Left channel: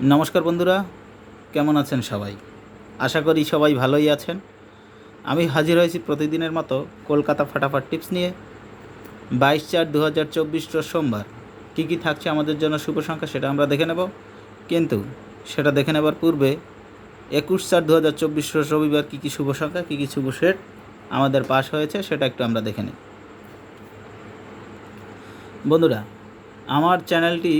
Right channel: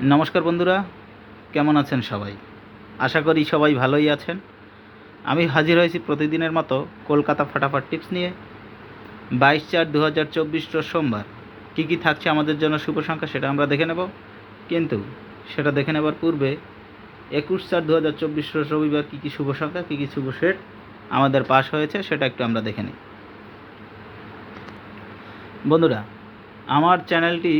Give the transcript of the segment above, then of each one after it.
নমস্কার বন্ধুরা, কেমন আছেন সবাই? আশা করি সবাই ভালোই আছেন। আমি হাজির হয়েছি প্রতিদিনের মতো কলকাতা ফাটাফাট টিপস নিয়ে। 22/4/2024 রোজ সোমবার কী কী থাকছে আমাদের জন্য শুভ সংখ্যা সেটা আমরা দেখে নেব। কিন্তু সেটা দেখে নেবার পূর্বে 21/4/2024 রোজ রবিবার কী কী শুভ সংখ্যা, কী কী শুভ সেট আমাদের পাস হয়েছে সেটা একটু আমরা দেখে নিই। বন্ধুরা, আমার চ্যানেলটি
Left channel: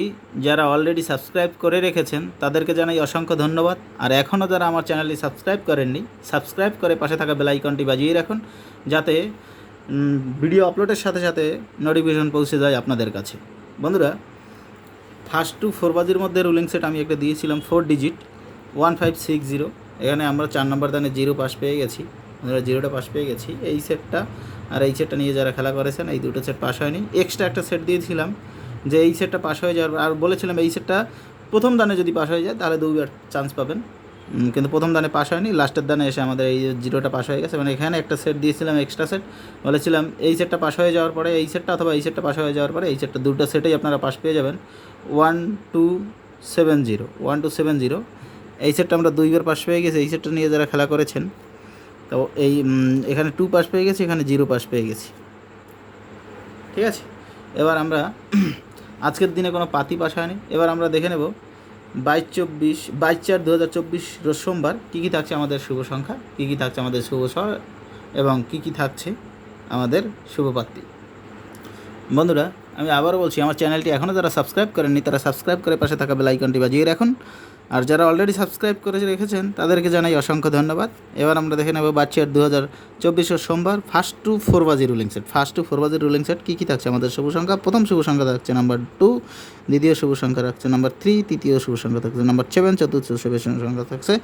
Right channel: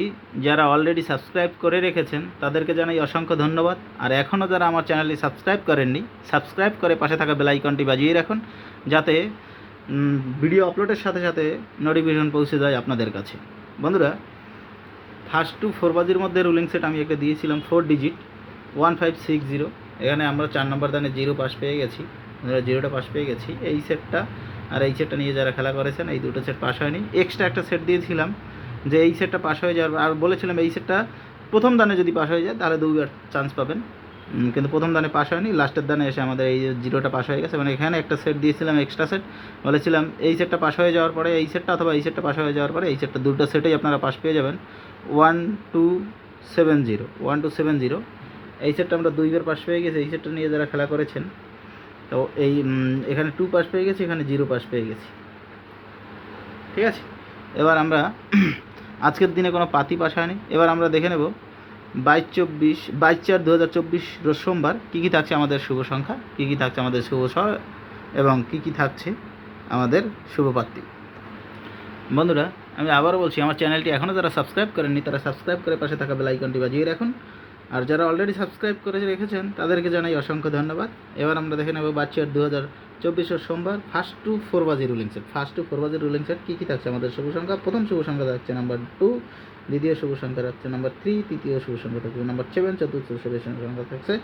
যারা অলরেডি সাবস্ক্রাইব করে রেখেছেন তাদেরকে জানাই অসংখ্য ধন্যবাদ। আর এখনও যারা আমার চ্যানেলটি সাবস্ক্রাইব করেননি, সাবস্ক্রাইব করে পাশে থাকা বেল আইকনটি বাজিয়ে রাখুন, যাতে ভিডিও আপলোডের সাথে সাথে নোটিফিকেশন পৌঁছে যায় আপনাদের কাছে। বন্ধুরা, ফার্স্ট টু 4 বাজির মধ্যে রুলিং সেট আমি একটা দিয়েছিলাম 4 ডিজিট 1560। এখানে আমরা 4 নম্বর দানে 0 পাস পেয়ে গেছি। আমরা 0টা পাস পেয়ে গেছি। এই সেটটা আর এই সেটটা নিয়ে যারা খেলা করেছেন, এই দুটো সেট পাস হয়নি। এক্সট্রা একটা সেট দিয়েছিলাম যে এই সেটটা পাস হয়ে যাওয়ার, আর বলেছিলাম এই সেটটা প্রথম দানে যদি পাস হয়ে যায় তাহলে 2বার চান্স পাবেন। কিন্তু প্রথম দানে পাস হয়নি, লাস্টের দানে এসে আমাদের এই 0টা পাস হয়ে গেছে। মানে এখানে একটা সেট দিয়েছিলাম এক্সট্রা সেট, বলেছিলাম এই সেটটা পাস হয়ে যাওয়ার পরে এই সেটটা অথবা এই সেটটা পাস হয়ে যাওয়ার পরে এই সেটটা, দুটো সেটেই আপনারা পাস পেয়ে যাবেন। 1270 এই সেটটা আমরা 2বার পাস পেয়ে গেছি। এই সেটটা নিয়ে যারা খেলা করেছেন, তো এই এখানে 2 পাস পেয়ে গেছি, এখানে 0 পাস পেয়ে গেছি। ঠিক আছে, এবার আমরা আজকের দিনে কোনো পাতি পাস হয়নি। এবার আমরা দেখে নেব 22/4/2024 রোজ সোমবার কী কী থাকছে আমাদের শুভ সংখ্যা, কী কী থাকছে আমাদের শুভ স্বর এবং কী কী থাকছে আমাদের শুভ পাত্রী। বন্ধুরা, আমি আবারও বলছি, আমার চ্যানেলটি এখনও যারা সাবস্ক্রাইব করেননি তারা সাবস্ক্রাইব করে পাশে থাকা বেল আইকনটি বাজিয়ে রাখুন। আর যারা অলরেডি সাবস্ক্রাইব করে রেখেছেন তাদেরকে জানাই অসংখ্য ধন্যবাদ। এবার আমরা দেখে নেব 22/4/2024 সোমবার ফার্স্ট টু 4 বাজি রুলিং সেট। ফার্স্ট টু 4 বাজি রুলিং সেট কী কী থাকছে আমাদের শুভ সংখ্যা। প্রথম শুভ সংখ্যা থাকছে নাম্বার 2, দ্বিতীয় শুভ সংখ্যা থাকছে নাম্বার 3, তৃতীয় শুভ সংখ্যা থাকছে নাম্বার 7, চতুর্থ শুভ সংখ্যা থাকছে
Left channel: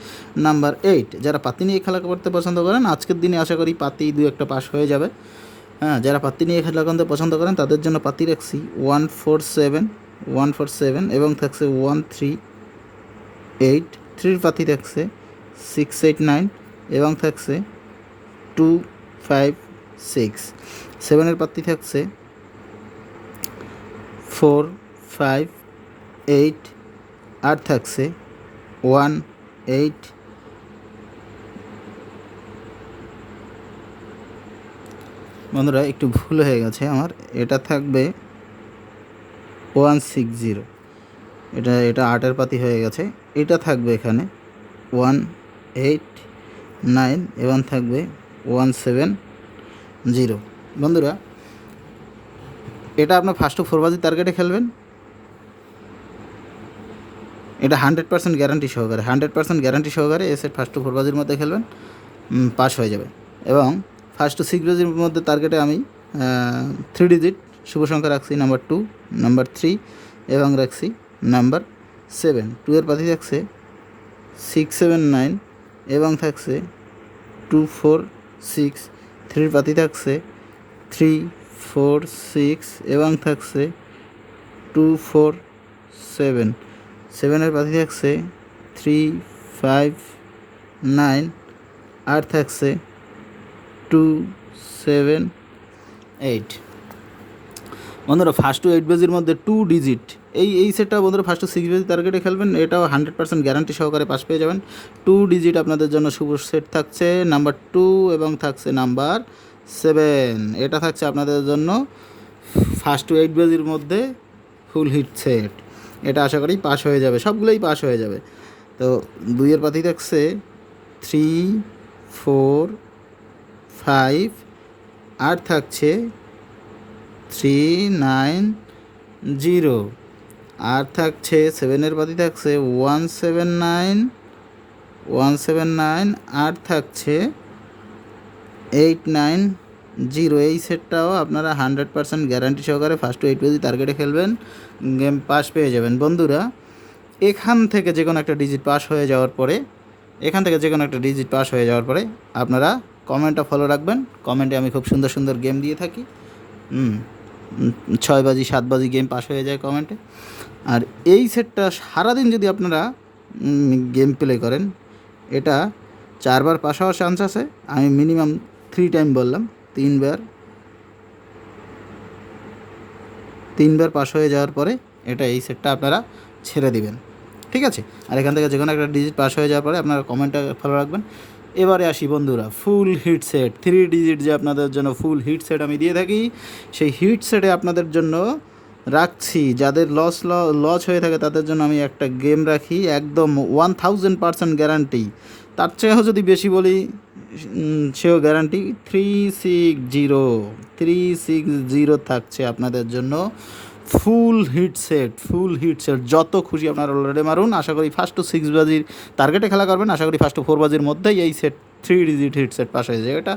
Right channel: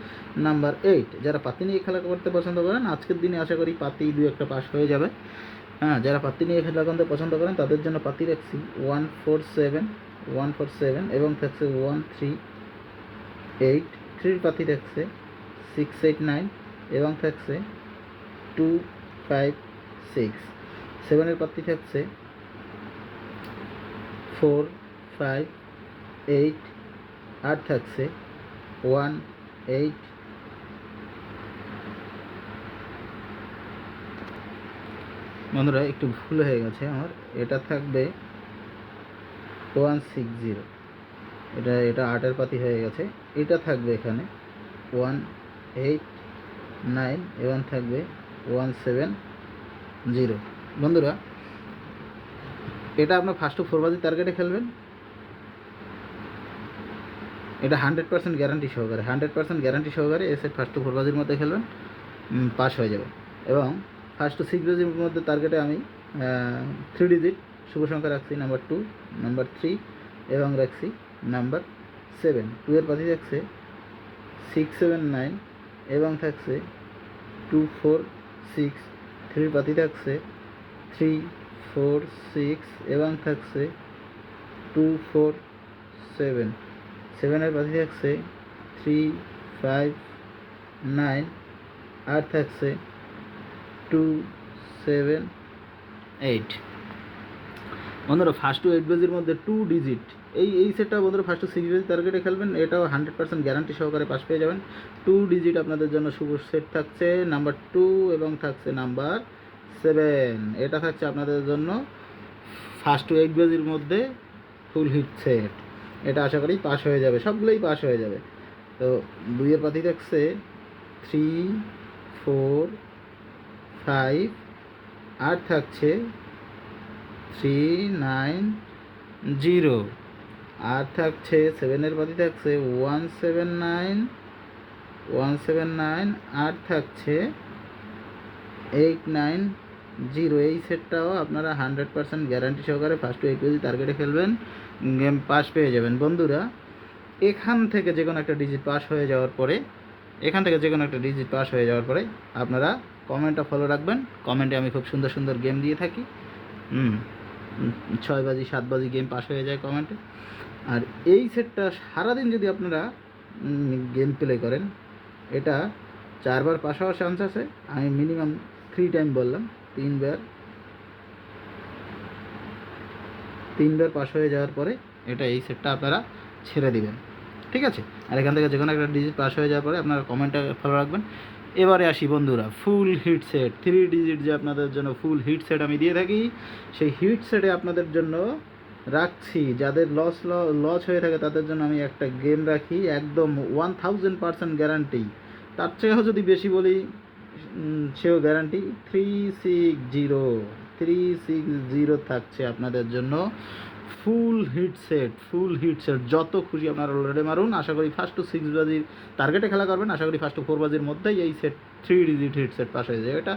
নাম্বার 8। যারা পাতি নিয়ে খেলা করতে পছন্দ করেন, আজকের দিনে আশা করি পাতি 2-1টা পাস হয়ে যাবে। হ্যাঁ, যারা পাত্তি নিয়ে খেলা করতে পছন্দ করেন তাদের জন্য পাত্তি রাখছি 147 এবং থাকছে 138। 3 পাতি থাকছে 689 এবং থাকছে 256। 7 পাত্তি থাকছে 458 আর থাকছে 18। বন্ধুরা, একটু ভুল হয়ে গেছে আমার, এটা থাকবে 160। এটা 8 পাতি হয়ে গেছে। এটা থাকবে এখানে 189 এবং থাকবে 170। বন্ধুরা, এটা আপনার ফার্স্ট টু 4 বাজি টার্গেটে খেলবেন। এটা 100% গ্যারান্টি সহকারে, 100% গ্যারান্টি সহকারে এ সেট ফার্স্ট টু 4 বাজির মধ্যে খেলবেন, পাস হয়ে যাবে। এবং ফার্স্ট টু 6 বাজির মধ্যে টার্গেটে আমি 3 ডিজিট শুভ সংখ্যা রাখছি নাম্বার 2, নাম্বার 3 এবং রাখছি নাম্বার 7। 2 পাতি থাকছে 679 এবং থাকছে 246। 3 পাতি থাকছে 346 এবং থাকছে 247। 7 পাতি থাকছে 359 আর থাকছে 278। বন্ধুরা, ফার্স্ট টু 8 বাজির মধ্যে 2 ডিজিট এই সেটটা বন্ধুরা ফার্স্ট টু 6 বাজি টার্গেটে খেলবেন। এটাও 100% গ্যারান্টি সহকারে পাস পেয়ে যাবেন। 2 ডিজিট আপনাদের জন্য শুভ সেট থাকছে নাম্বার 2 এবং থাকছে নাম্বার 7। এটা থাকছে আপনাদের জন্য ফার্স্ট টু 8 বাজির মধ্যে ফুল হিট সেট। এটা আশা করি পাস হয়ে যাবে, সবগুলোই পাস হয়ে যাবে। তো 2 পাতি থাকছে 3, 4, 5 আর থাকছে 390 আর থাকছে 7 পাতি থাকছে 179 আর থাকছে 890। এই সেটটাও আপনারা 100% গ্যারান্টি সহকারে ফার্স্ট টু 8 বাজি টার্গেটে খেলবেন, গেম পাস পেয়ে যাবেন। বন্ধুরা, এখান থেকে যে কোনো একটা ডিজিট পাস হয়ে যাওয়ার পরে আপনারা কমেন্টটা ফলো রাখবেন। কমেন্টে আমি খুব সুন্দর সুন্দর গেম দিয়ে থাকি। 6 বাজি 7 বাজি গেম পাস হয়ে যায় কমেন্টে। আর এই সেটটা সারাদিন যদি আপনারা গেম প্লে করেন, এটা 4বার পাস হওয়ার চান্স আছে। আমি মিনিমাম 3 টাইম বললাম, 3বার পাস হয়ে যাওয়ার পরে এই সেটটা আপনারা ছেড়ে দিবেন। ঠিক আছে। আর এখান থেকে যে কোনো একটা ডিজিট পাস হয়ে যাওয়ার পরে আপনারা কমেন্টটা ফলো রাখবেন। এবারে আসি বন্ধুরা, ফুল হিট সেট 3 ডিজিট যে আপনাদের জন্য ফুল হিট সেট আমি দিয়ে থাকি, সেই হিট সেটে আপনাদের জন্য রাখছি, যাদের লস হয়ে থাকে তাদের জন্য আমি একটা গেম রাখি একদম 1000% গ্যারান্টি। তার চেয়েও যদি বেশি বলি সেও গ্যারান্টি। 360 থাকছে আপনাদের জন্য ফুল হিট সেট। যত খুশি আপনারা অলরেডি মারুন। আশা করি 1st to 6 বাজির টার্গেটে খেলা করবেন। আশা করি 1st to 4 বাজির মধ্যেই এই set 3 digit hit set pass হয়ে যায়। এটা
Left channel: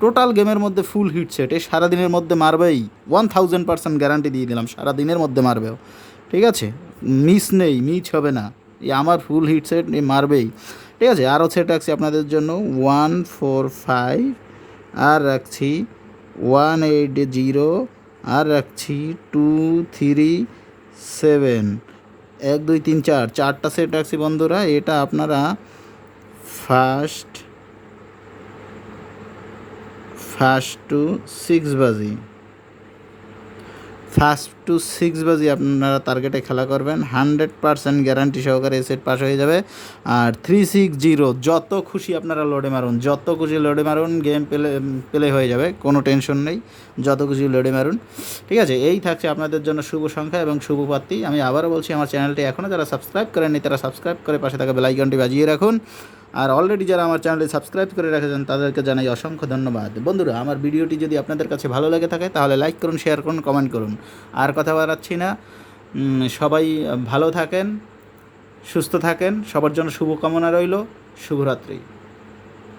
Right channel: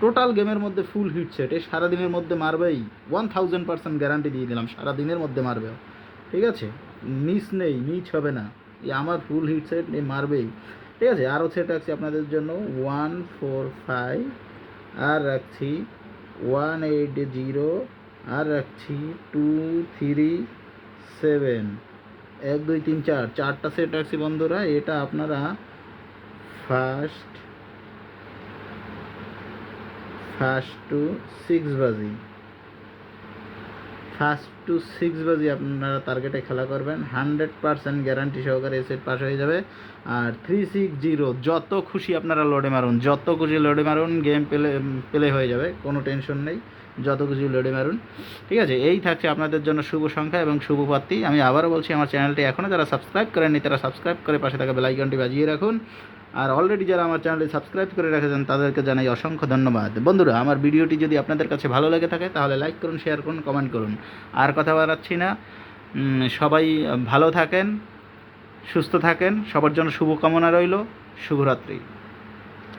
টোটাল গেমের মধ্যে ফুল হিট সেট, এই সারাদিনের মধ্যে মারবেই, 1000% গ্যারান্টি দিয়ে দিলাম, সারাদিনের মধ্যে মারবেও। ঠিক আছে, মিস হবে না, এই আমার ফুল হিট সেট মারবেই। ঠিক আছে, আরও সেট রাখছি আপনাদের জন্য 145, আর রাখছি 180, আর রাখছি 237, 1 2 3 4, 4টা সেট রাখছি বন্ধুরা। এটা আপনারা ফার্স্ট টু 6 বাজি আপনারা টার্গেটে খেলা করবেন, 100% গ্যারান্টি সহকারে সেট পাস হয়ে যাবে। আর 360 যত খুশি আপনারা লোডে মারুন, গেম পেলে হয়ে যাবে, কোনো টেনশন নেই, যত খুশি লোডে মারুন। ঠিক আছে, এই থাকছে আপনাদের জন্য শুভ সংখ্যা এবং শুভ প্রাপ্তি। আমি আবারও বলছি, আমার চ্যানেলটি এখনও যারা সাবস্ক্রাইব করেননি তারা সাবস্ক্রাইব করে পাশে থাকা বেল আইকনটি বাজিয়ে রাখুন। আর অলরেডি যারা আমার চ্যানেলটি সাবস্ক্রাইব করে রেখেছেন তাদেরকে জানাই অসংখ্য ধন্যবাদ। বন্ধুরা, আমার ভিডিওটি যদি আপনাদের কাছে ভালো লেগে থাকে তাহলে লাইক করুন, শেয়ার করুন, কমেন্ট করুন। আর কথা বাড়াচ্ছি না, সবাই ভালো থাকেন, সুস্থ থাকেন, সবার জন্য শুভকামনা রইল। শুভরাত্রি।